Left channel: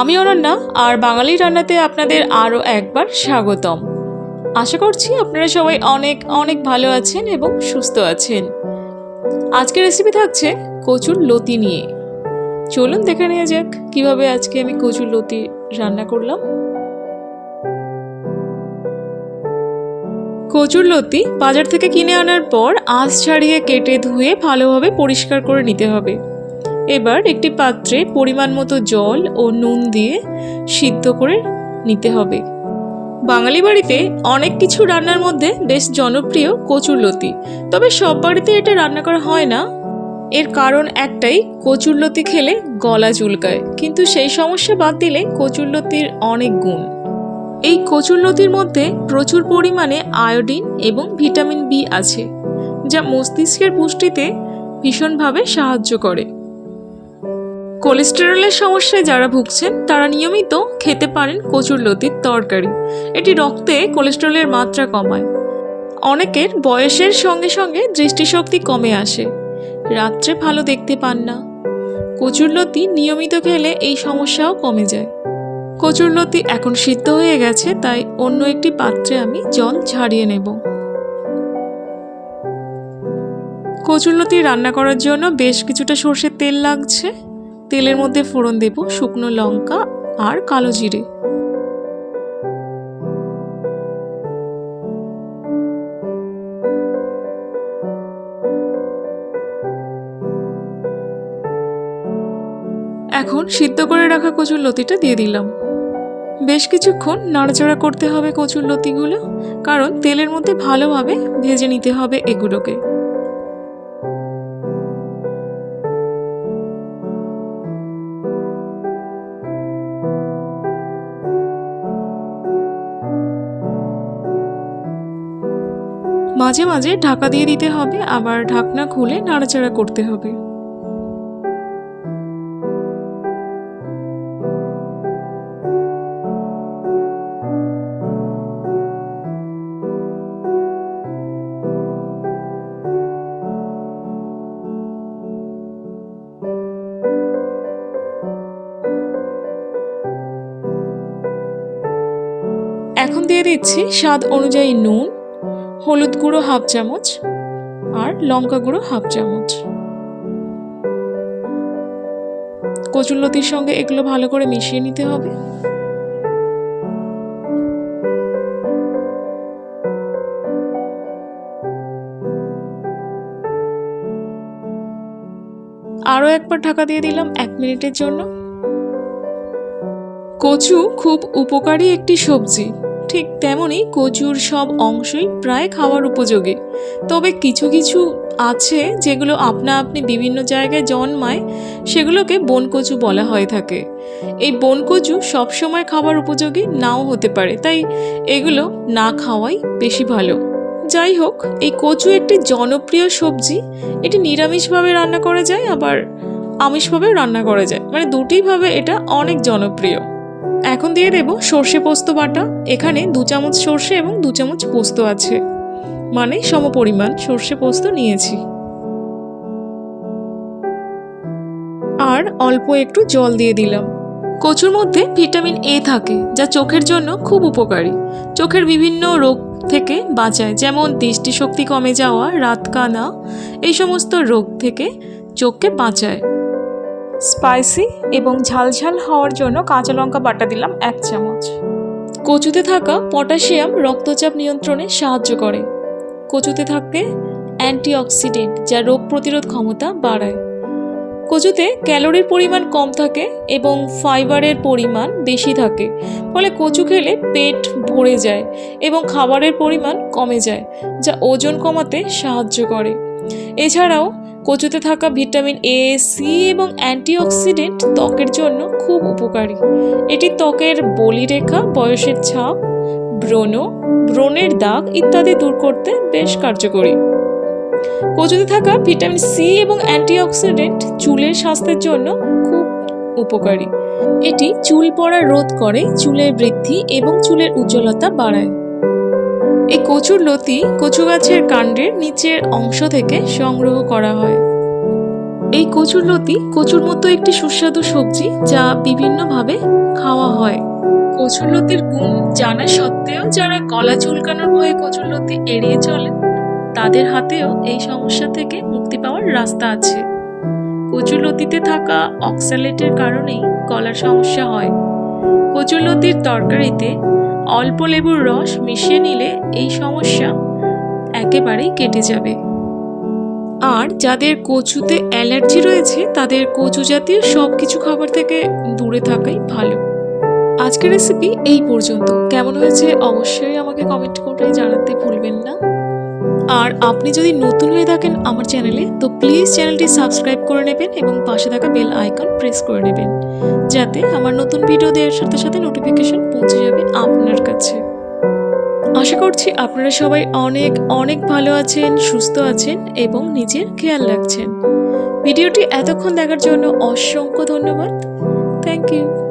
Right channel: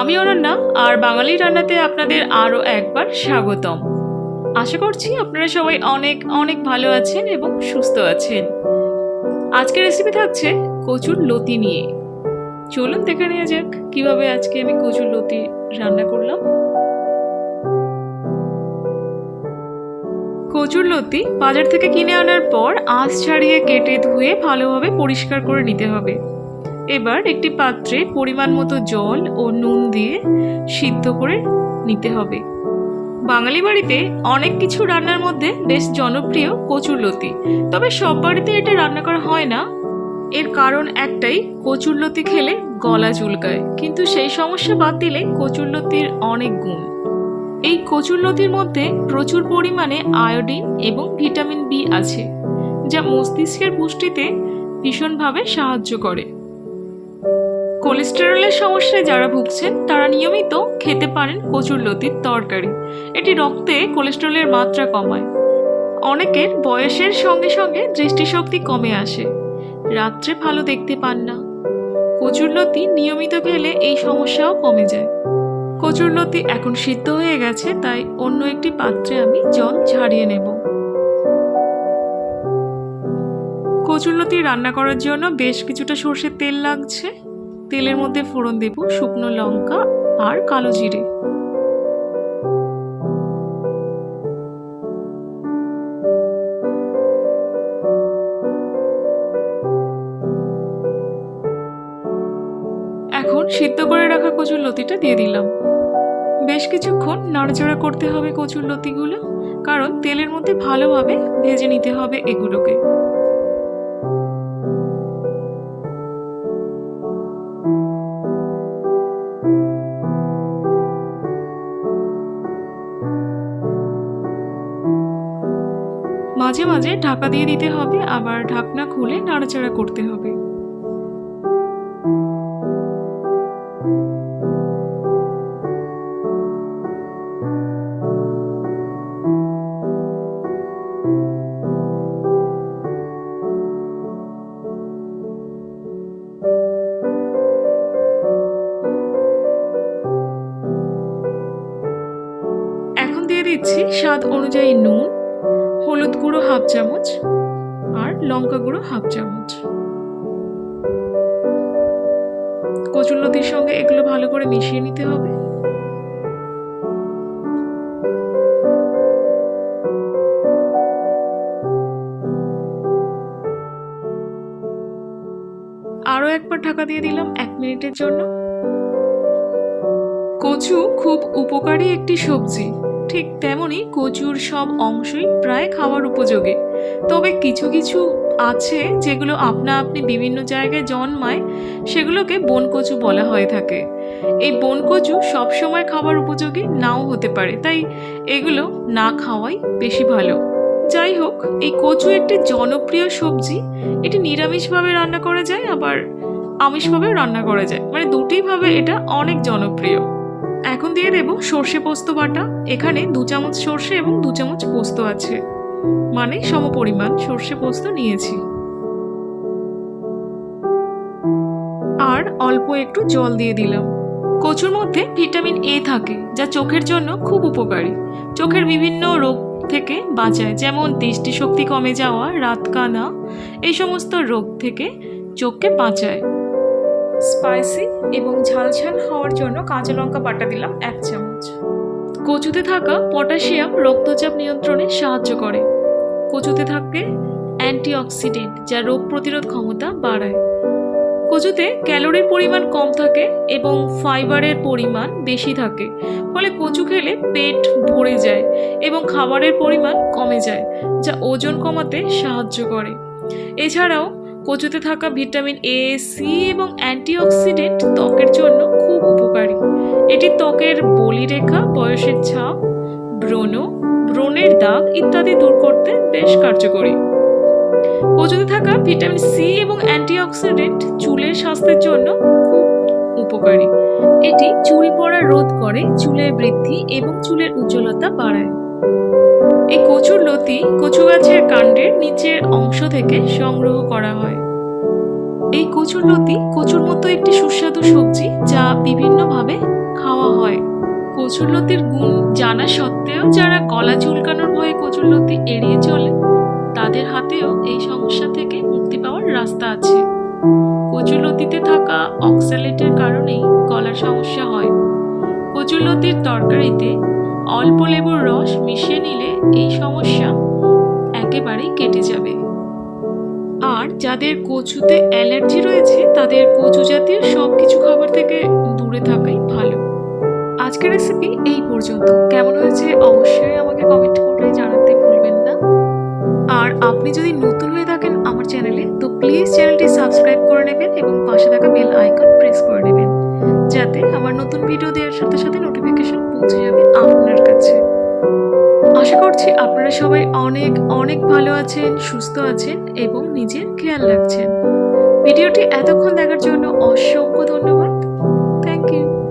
আমি অনন্যা আর বাঙালি রান্নাতে আপনাদের আরও একবার স্বাগতম। আশা করছি আপনারা সবাই অনেক অনেক ভালো আছেন এবং সুস্থ আছেন। আজকের রেসিপি থাকছে কচুর লতি নিয়ে। চলুন দেখে নেওয়া যাক কিভাবে আজকে আমি কচুর লতি রান্না করলাম। কচুর লতি বাজার থেকে কিনে আনার পর আঁশ ছাড়িয়ে কেটে ধুয়ে ভালোভাবে পরিষ্কার করে নিতে হবে। এবার একটি পাত্রে পরিমাণ মতো জল ও নুন দিয়ে সিদ্ধ করে নিতে হবে। বাঙালি বাড়িতে অনেক কিছু রান্নার মধ্যে বেশ জনপ্রিয় কচুরলতি, তবে সব বাড়িতে এটা রান্না করা হয় না। এর কারণ একটাই, কচুরলতি খেলে গলা চুলকায়, কিন্তু সেই সমস্যা বাদ দিলে কচুরলতির অনেক গুণ। এই কচুরলতির মধ্যে প্রচুর পরিমাণে আয়োডিন এবং ভিটামিন বি আছে, যা মস্তিষ্কের পুষ্টিতে ভীষণভাবে সাহায্য করে। কোলেস্টেরলের সমস্যায় যারা ভুগছেন তারা নিয়মিত খেতে পারেন কচুরলতির তরকারি। এটি রক্তে কোলেস্টেরলের মাত্রা কমায়। অনেকের বয়সের সঙ্গে সঙ্গে দৃষ্টিশক্তি কমে আসে, রাত্রে ভালো দেখতে পান না। কচুরলতি নিয়মিত খেলে এই সমস্যাও কমে যায়। কচুরলতি এখন সিদ্ধ হয়ে গেছে, তাই অন্য একটি পাত্রে আমি জল ঝারিয়ে নেব। কচুরলতি রান্না করার জন্য বেশ কিছুটা সর্ষের তেল লাগছে। তেলের মধ্যে ফোড়ন দেব শুকনো লঙ্কা আর কালো জিরে। এখন সিদ্ধ করে রাখা কচুরলতিটা দিয়ে দিলাম। বেশ কিছুক্ষণ নাড়াচাড়া করতে হবে কচুরলতিগুলো, কারণ তেলের মধ্যে ভালোভাবে ভেজে নিতে হবে এগুলোকে। মাঝে মাঝে ঢাকা দিয়ে দিতে হবে, আবার ঢাকনা খুলে নাড়াচাড়া করতে হবে। এখন দিয়ে দিচ্ছি স্বাদ অনুযায়ী নুন, হলুদ গুঁড়ো হাফ চামচ আর লঙ্কা গুঁড়ো হাফ চামচ। কচুরলতির সঙ্গে এগুলো ভালো করে মিশিয়ে নিতে হবে। আরও একবার ঢাকা দিয়ে দিলাম 1 মিনিটের জন্য। কচু খুব উপকারী একটি সবজি, ঠিক তেমনই কচুর সব অংশই প্রায় খাওয়ার উপযোগী। তবে কিছু কিছু আছে যেগুলো আপনা আপনি বিভিন্ন জায়গায় জন্মায়, সেগুলোকে বনকচু বলা হয়ে থাকে। এই বনকচু সবসময় খাবার উপযোগী নাও হতে পারে, তাই এগুলো না খাওয়াই বেশি ভালো। যাই হোক, এই কচু একটি জনপ্রিয় সবজি। এটি নিরামিষভাবে রান্না করা যায়, আবার আমিষভাবেও রান্না করা যায়, মানে দুটোইভাবে এটা অনেক জনপ্রিয়। এখন দিয়ে দেব সর্ষে পোস্ত বাটা। এখানে 2 চামচ সর্ষে এবং 2 চামচ পোস্ত আছে, মানে সমপরিমাণ সর্ষে পোস্ত নিয়েছি। আর অল্প একটু জল দিয়ে দিলাম। কচুর মধ্যে ভিটামিন এ থাকে, যা চোখের জন্য খুব উপকারী। চোখের বিভিন্ন রোগ থেকে বাঁচায়, যেমন দৃষ্টিশক্তি কমে যাওয়া, রাতকানা, এই সমস্ত রোগ থেকে চোখকে বাঁচায়। স্পাইসি এবং ঝালঝাল হওয়ার জন্য কাঁচা লঙ্কা বাটা দিলাম 1 চামচ। কচুতে থাকা পটাশিয়াম রক্তচাপ নিয়ন্ত্রণে সাহায্য করে। কচুতে থাকে অ্যান্টিঅক্সিডেন্ট, যা রোগ প্রতিরোধ ক্ষমতা বাড়ায়। কচুতে ক্যালোরির পরিমাণ কম থাকে এবং ফাইবারের পরিমাণ বেশি থাকে, ফলে কচু খেলে পেট ভরে যায় এবং খাবারের পরিমাণ কমে যায়, যা ওজন কমাতে সাহায্য করে। এছাড়াও কচুতে থাকা ভিটামিন এ, সি এবং অ্যান্টিঅক্সিডেন্ট ত্বকের জন্য খুব উপকারী। এটি ত্বকের বলিরেখা, বয়সের ছাপ, ব্রণের দাগ ইত্যাদি দূর করতে বেশ কার্যকরী। কচুতে থাকা ভিটামিন সি এবং অ্যান্টিঅক্সিডেন্ট চুলের স্বাস্থ্যের জন্য খুব উপকারী। এটি চুল পড়া রোধ করে, চুলের বৃদ্ধি এবং চুলের উজ্জ্বলতা বাড়ায়। এই কচুরলতি কচু গাছের কাণ্ডের নিচের অংশ থেকে সংগ্রহ করা হয়। এই কচুরলতি কচুর মতো একটি সুস্বাদু সবজি, যা বিভিন্নভাবে খাওয়া হয়। কচুরলতির গুণ জানা সত্ত্বেও যারা গলা চুলকানোর ভয়ে কচুরলতি এড়িয়ে চলে, তাদের হাতেও এই সমস্যা থেকে মুক্তি পাওয়ার রাস্তা আছে। কচুরলতিতে থাকা অক্সালেটের কারণেই গলার সমস্যা হয়। কচুরলতির তরকারিতে অল্প লেবুর রস মিশিয়ে নিলে এই সমস্যা একেবারেই কেটে যাবে। আর যাদের কচুতে অ্যালার্জি রয়েছে তাদের কচু জাতীয় সব কিছু খাবার থেকে দূরে থাকাই ভালো। আজকের রেসিপি এই পর্যন্ত। কেমন হয়েছে অবশ্যই আমাকে কমেন্ট করে জানাতে ভুলবেন না। আর আপনি যদি নতুন হয়ে থাকেন আমার চ্যানেলে, তো প্লিজ চ্যানেলটি সাবস্ক্রাইব করে নেবেন এবং পাশে থাকা বেল আইকন প্রেস করে নেবেন, যাতে আমার নতুন ভিডিও দেওয়ার সাথে সাথে নোটিফিকেশন পৌঁছে যাবে আপনার কাছে। আশা করছি আপনারা সবাই অনেক অনেক ভালো আছেন, সুস্থ আছেন এবং নিজের খেয়াল রাখছেন। ভিডিওটি এতক্ষণ দেখার জন্য অসংখ্য ধন্যবাদ। Thank you.